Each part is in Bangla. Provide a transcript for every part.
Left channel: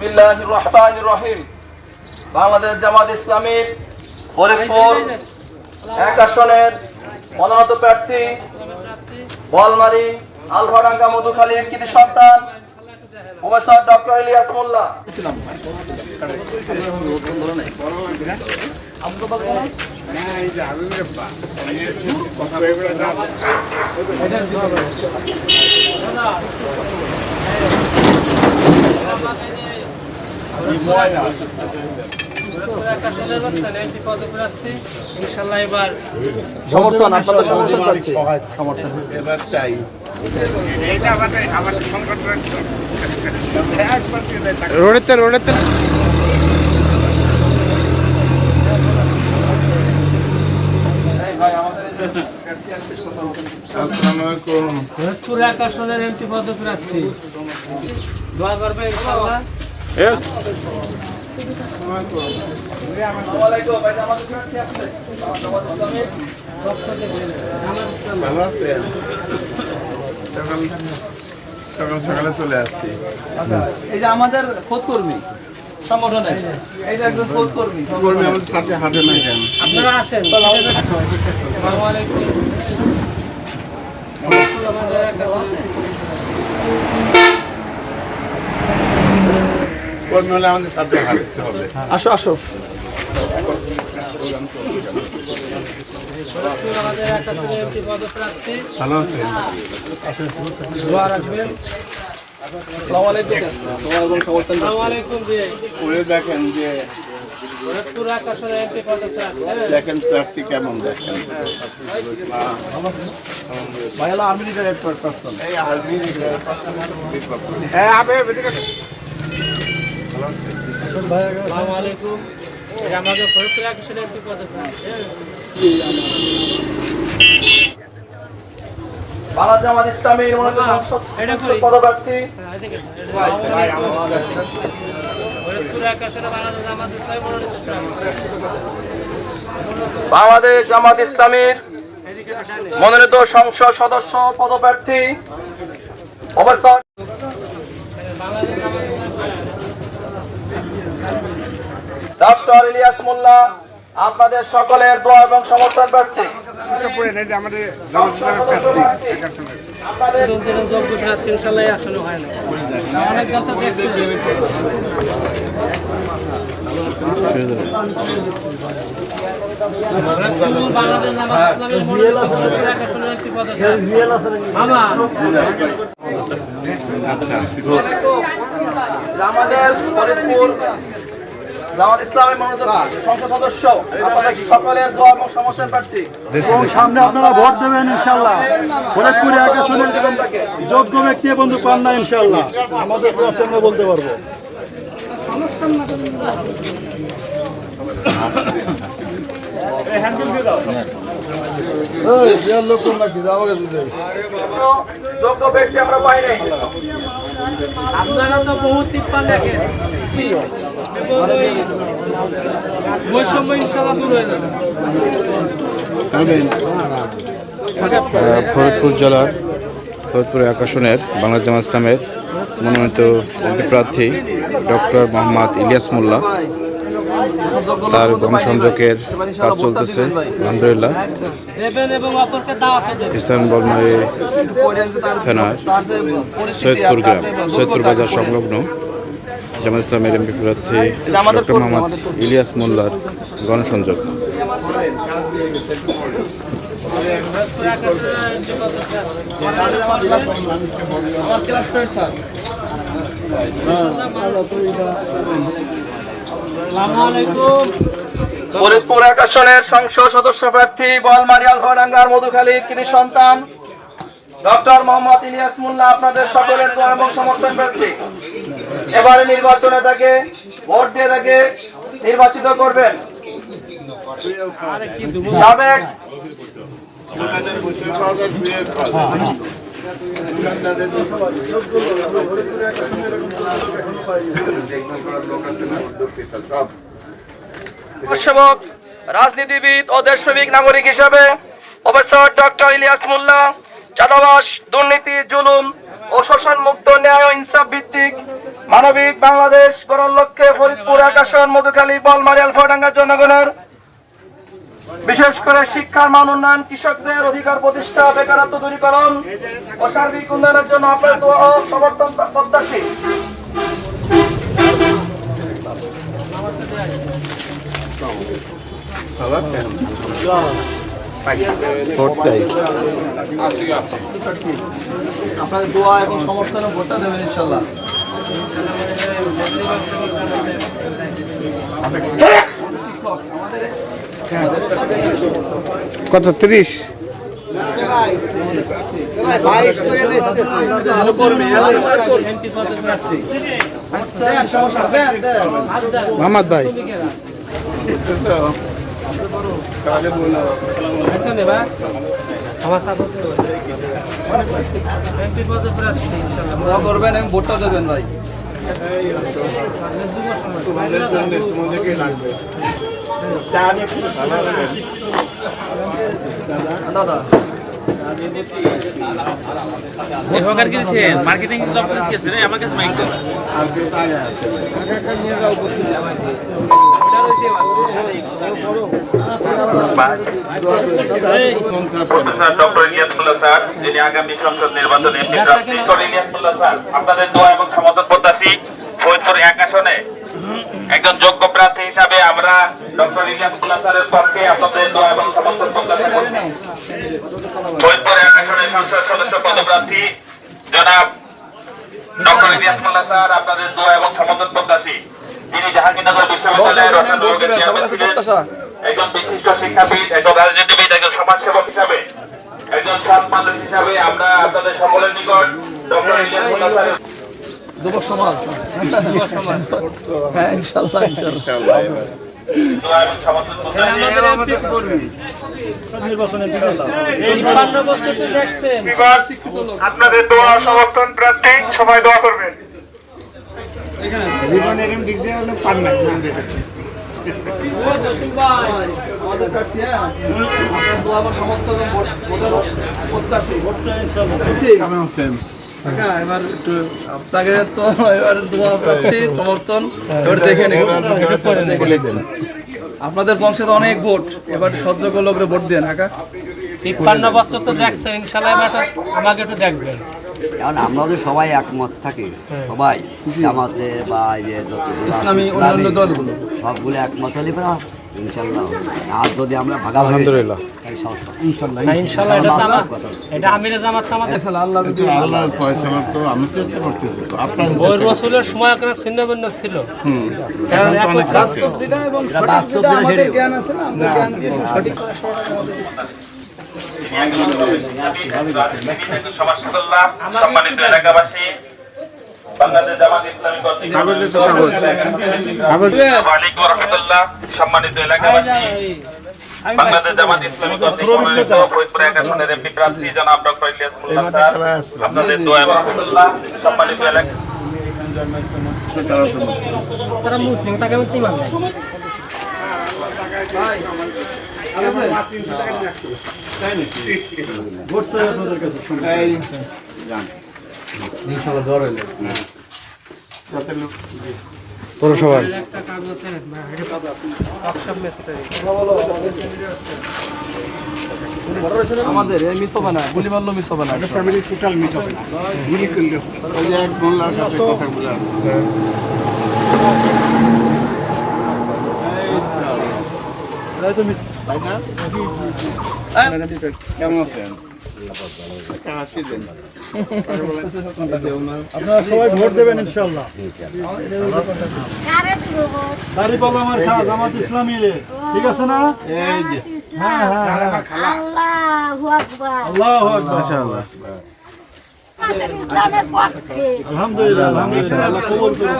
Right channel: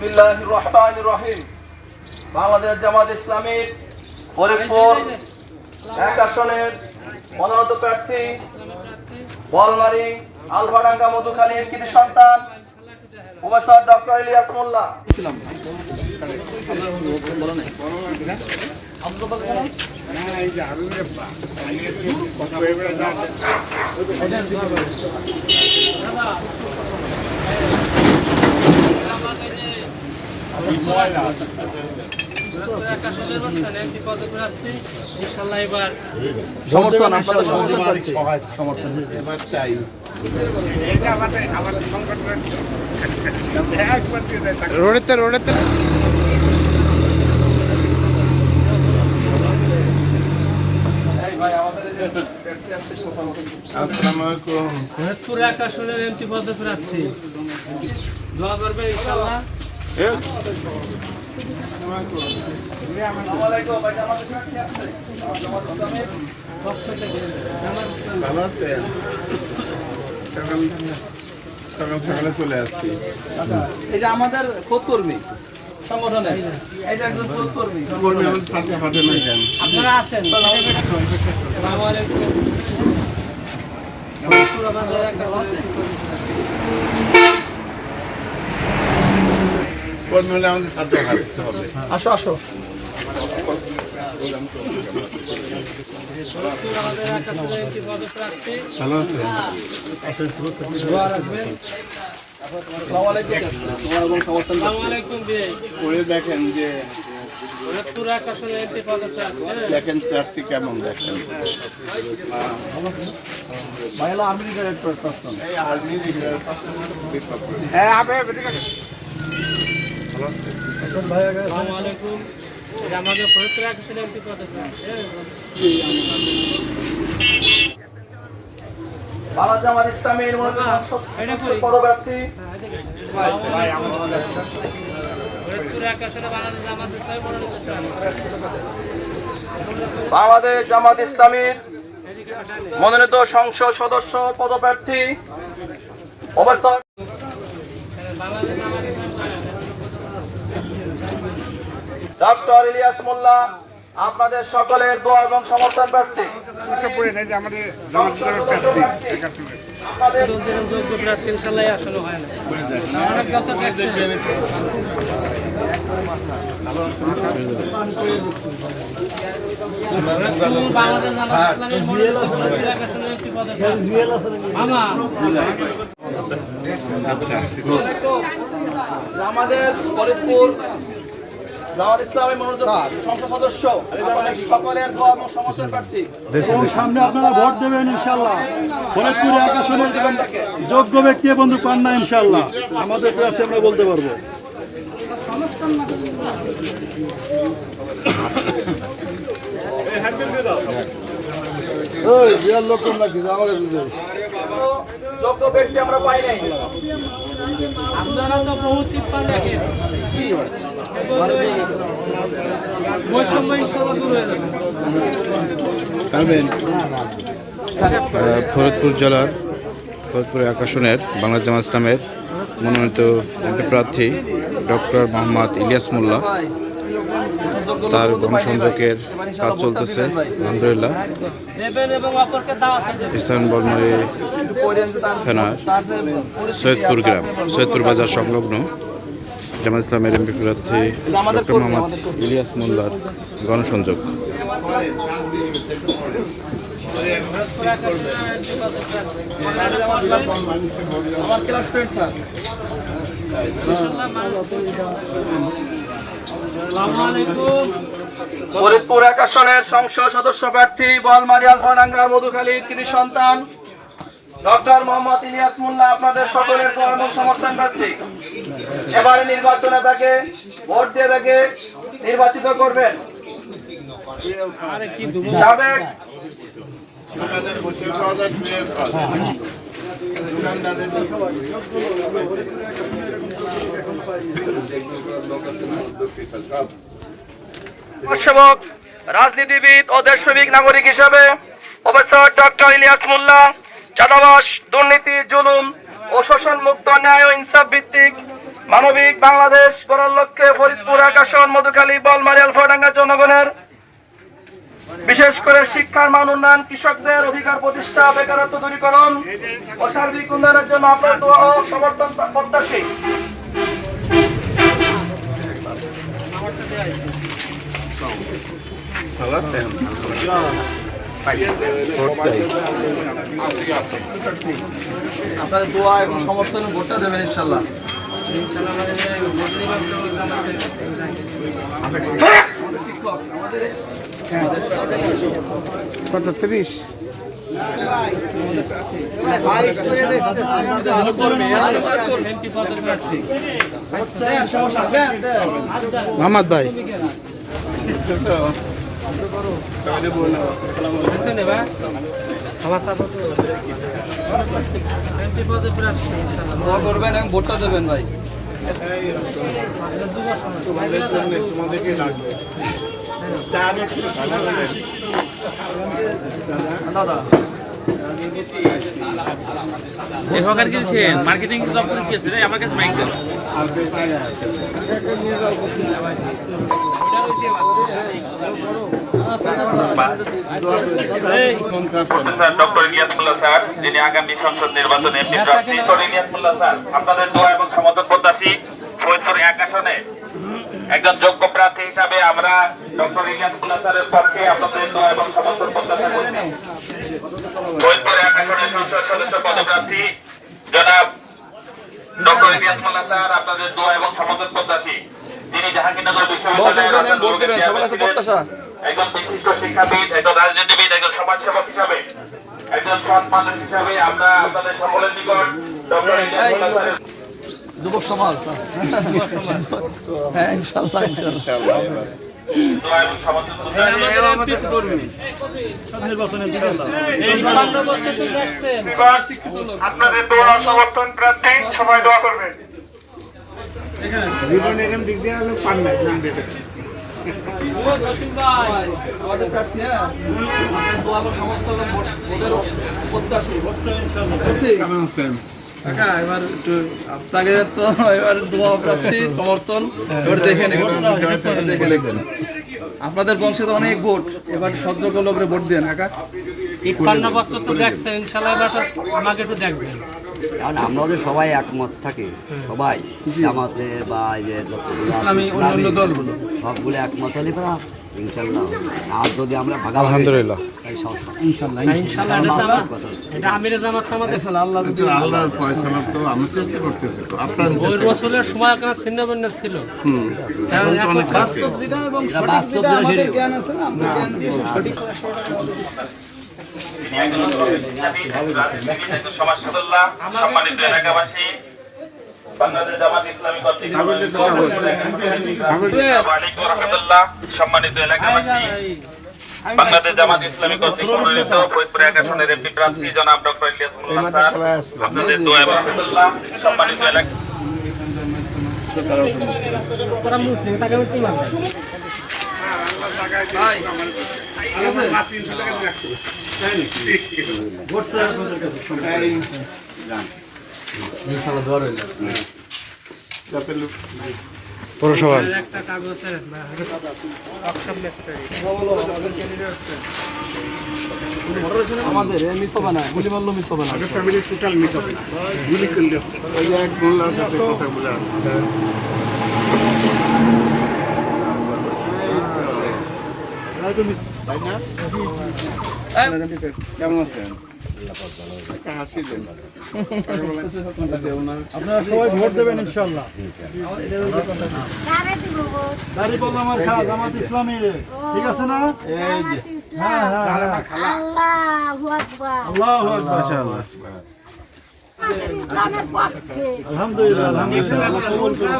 বিসমিল্লাহির রহমানির রহিম। বাংলাদেশ জামাত ইসলামীর ফরিদপুর 1 আসনের মনোনীত প্রার্থী বলমারী আলভাডাঙ্গা মধুখালীর কৃতি সন্তান প্রফেসর ডক্টর ইলিয়াস মোল্লা। সকালে চলে আসছি। এই যে আমাদের খোদ কর্মী সংগঠনের এই যে একজন খোদ কর্মী আমাদের সাথে হাতে নাই কেন? আপনারা আসেন। কর্মী হলে আমাদের সাথে হাঁটতে হবে। আসো আসো। ভালো আছেন? ওরে দেখেন যে দেখেন প্রার্থী কেমন দেখেন। ভাই হলো আর্মি রিটায়ার্ড পারসন। এই আর্মি আমাদের ফরিদপুর আকাশের এমপি পদপ্রার্থী। বাংলাদেশ জামাত ইসলামীর মনোনীত সংসদ পদপ্রার্থী বাংলাদেশ জামাত ইসলামীর মনোনীত সংসদ সদস্য পদপ্রার্থী প্রফেসর ডক্টর ইলিয়াস মোল্লা আপনাদের সকলের দোয়া এবং সমর্থন প্রার্থী। আমাদের ফরিদপুর জামাত ইসলামের মনোনীত সংসদ সদস্য আপনাদের সকলের দোয়া এবং সমর্থন প্রার্থী। সামনে আপনারা ভোট দেবেন ইনশাআল্লাহ। ফরিদপুরে 1 আসনের যোগ্য ব্যক্তি বন্ধু পান না ইনশাআল্লাহ। আমাদের প্রার্থী আমরা বলতে পারবো। যোগ্য ব্যক্তি আমরা পাই নাই। আপনারা তো বহুত টিপ্পান দেখেন, বৈষম্য ইনশাআল্লাহ দূর হয়ে যাবে। ফরিদপুর জেলার ফরিদপুর 1 আসনের বাংলাদেশ জামাত ইসলামের মনোনীত এমপি প্রার্থী ডক্টর মোহাম্মদ ইলিয়াস মোল্লা, তার গণসংযোগের কাজ চলতেছে আলহামদুলিল্লাহ। ইসলাম বলমারী থানার সৈয়দপুর গ্রাম, সৈয়দপুর বাজার সংলগ্ন জামাত ইসলামের এমপি প্রার্থী ডক্টর মোহাম্মদ ইলিয়াস মোল্লার গণসংযোগ। ফরিদপুর 1 আসনের সংসদ সদস্য প্রার্থী বলমারী আলভাডাঙ্গার মধুখালীর কৃতি সন্তান ডক্টর মোহাম্মদ ইলিয়াস মোল্লা আপনাদের সকলের দোয়া এবং সমর্থন প্রার্থী। এবারে নির্বাচনে তাকে ভোট দিয়ে তাকে নির্বাচিত করবেন। সাবেক সেবক, রাজনীতিবিদ ও দেশপ্রেমিক নাগরিক হিসেবে প্রফেসর ডক্টর ইলিয়াস মোল্লা চাঁদাবাস, দুর্নীতি, জুলুম ও শোষণ মুক্ত ন্যায় ও ইনসাফ ভিত্তিক মানবিক বাংলাদেশ গড়ার লক্ষ্যে ফরিদপুর 1 আসন, মধুখালী, বলমারী, আলফাডাঙ্গা জনগণের বিশেষ করে শিক্ষার মান উন্নয়ন, কৃষকদের অধিকার প্রতিষ্ঠা, বেকারত্ব দূরীকরণ ও সার্বিক উন্নয়নের জন্য আপনার দোয়া ও সমর্থন প্রত্যাশী। আপনাদের দোয়া এবং সমর্থনে ভোটটা দেবেন ইনশাল্লাহ। কত 30? মোহাম্মদ ভাই দোয়া করবেন এবং ভোটটা দেবেন ভাই। তোমাদেরকে লাগবে দাদা মার্কেটিং আমার কাছে মাইক দেন। আর কেউ আগে আছে ডক্টর ইলিয়াস মোল্লা স্যার, যিনি আগামী সংসদ নির্বাচনে এমপি প্রার্থী। ডক্টর ইলিয়াস মোল্লা স্যার, আপনাদের দোয়া এবং সমর্থন প্রত্যাশী। ফরিদপুর 1 আসনে একজন যোগ্য প্রার্থী হিসাবে আমরা ডক্টর ইলিয়াস মোল্লা স্যারের পক্ষে আপনাদের দোয়া এবং সমর্থন প্রত্যাশা করছি। ফরিদপুর 1 আসনের সংসদ সদস্য পদপ্রার্থী জনাব ডক্টর ইলিয়াস মোল্লা স্যার, আপনাদের দোয়া এবং সমর্থন প্রত্যাশী। তিনি জাহাঙ্গীরনগর বিশ্ববিদ্যালয়ের একজন বিশিষ্ট শিক্ষাবিদ, একজন রাজনীতিবিদ, একজন সমাজসেবক হিসাবে, একজন সৎ মানুষ হিসাবে আমরা আপনাদের সকলের নিকট ডক্টর ইলিয়াস মোল্লা স্যারের যুব সমাজ। হ্যাঁ ইনশাল্লাহ ইনশাল্লাহ। দোয়া এবং সমর্থন প্রত্যাশী। নির্বাচনে ইনশাল্লাহ আপনাদের দোয়া সমর্থন প্রার্থী, সবাই দোয়া করবেন। আমাদের প্রার্থী, হ্যাঁ আপনার দোয়া এবং সমর্থন এবং ভোটের প্রত্যাশী। কাকা এবার একটু আপনাকে তো এবার দোয়া চাচ্ছি, সমর্থন এবার দেখে নিন। আপনাদের বংশে তো অনেক ভোট, এবার সহ্য লোকরে ভোট দেন কাকা। 53 বছর তো দেখছেন, ইনশাআল্লাহ এবার আমাকে একটু দেখবেন। কারণ আমাদের সবাই একমত থাকে, সবাই জামাতে বা এই যে যতগুলো আছে, ইসলামী অন্যান্য দলগুলো সবগুলো একমত হলে পরে ইনশাল্লাহ। আর যদি আমরা ভাগাভাগি আলহামদুলিল্লাহ তাহলে সমস্যা ইনশাল্লাহ ইনশাআল্লাহ এটা তো আমার- এটা আমিরে জামাত আমাদের আল্লাহ যদি আল্লাহর ফয়সালা তো আমি চেষ্টা করতেছি তো আপনার ওই রসুলের সময় একটা ছিন্নভিন্ন ছিল। এখন তো অনেক আছে। যেটা এবং এটা সঠিক বাস্তব যেটা যেটা আমাদের সেটাই। জ্ঞান আছে না, আমরা জ্ঞান দিয়ে সঠিক সমাজসেবল্লাহ, সম্মানিত এলাকাবাসী, বাংলাদেশ জামাত ইসলামী কর্তৃক আসসালামু আলাইকুম ওয়া রাহমাতুল্লাহ। সম্মানিত এলাকাবাসী, বাংলাদেশ জামাত ইসলামী কর্তৃক মনোনীত ফরিদপুর 1 আসনের এমপি প্রার্থী জনাব ডক্টর ইলিয়াস মোল্লা স্যার, আপনাদের দোয়া এবং রাহমাতুল্লাহ। সম্মানিত এলাকা তারা মুসলিম, তাকে আমি কি মানব? ভাই ভোট চাই আপনাদের কাছে। এই যান ইনশাল্লাহ দোয়া রইল। যাতে লোক পৌরসভার একটা কাগজ দেন বা অপশন মেসেজ করে। আমাদের এই মিস হবে না, গুলি মারলো মিস হবে না। ফ্যামিলি টোটাল মিট হবে না গুলি করলে ওই যে এক মোল্লার কাছে কথা বলে আসবে তাই তো মিস- তাই না কেমন আছেন একটা হাসি দেন আপনারা সবাই ভোট দেবেন ইনশাল্লাহ। বাড়ি পাবো আমার খাওয়া জামাত ইসলামী রে, ঠিক আছে না? এই যে হ্যাঁ হ্যাঁ হ্যাঁ আল্লাহু আকবার। আল্লাহু আকবার। মাশাআল্লাহ আলহামদুলিল্লাহ আলহামদুলিল্লাহ, আল্লাহ কবুল করুন।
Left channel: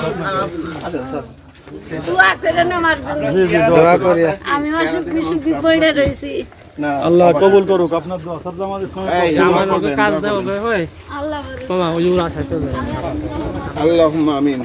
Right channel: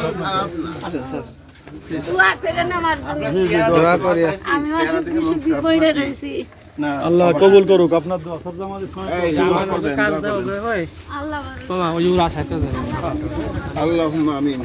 দোয়া করেন আমার জন্য। জি জি দোয়া করি। আমি অসুখ বিসুখে পড়ে রয়েছি। না আল্লাহ কবুল করুক আপনার দোয়া। সব জামাত ইসলামী এই দোয়া করবেন কাজ দোয়া দেওয়া করবেন। ভাই আল্লাহ বড়। তোমা ওই আশাতে আল্লাহুম্মা আমিন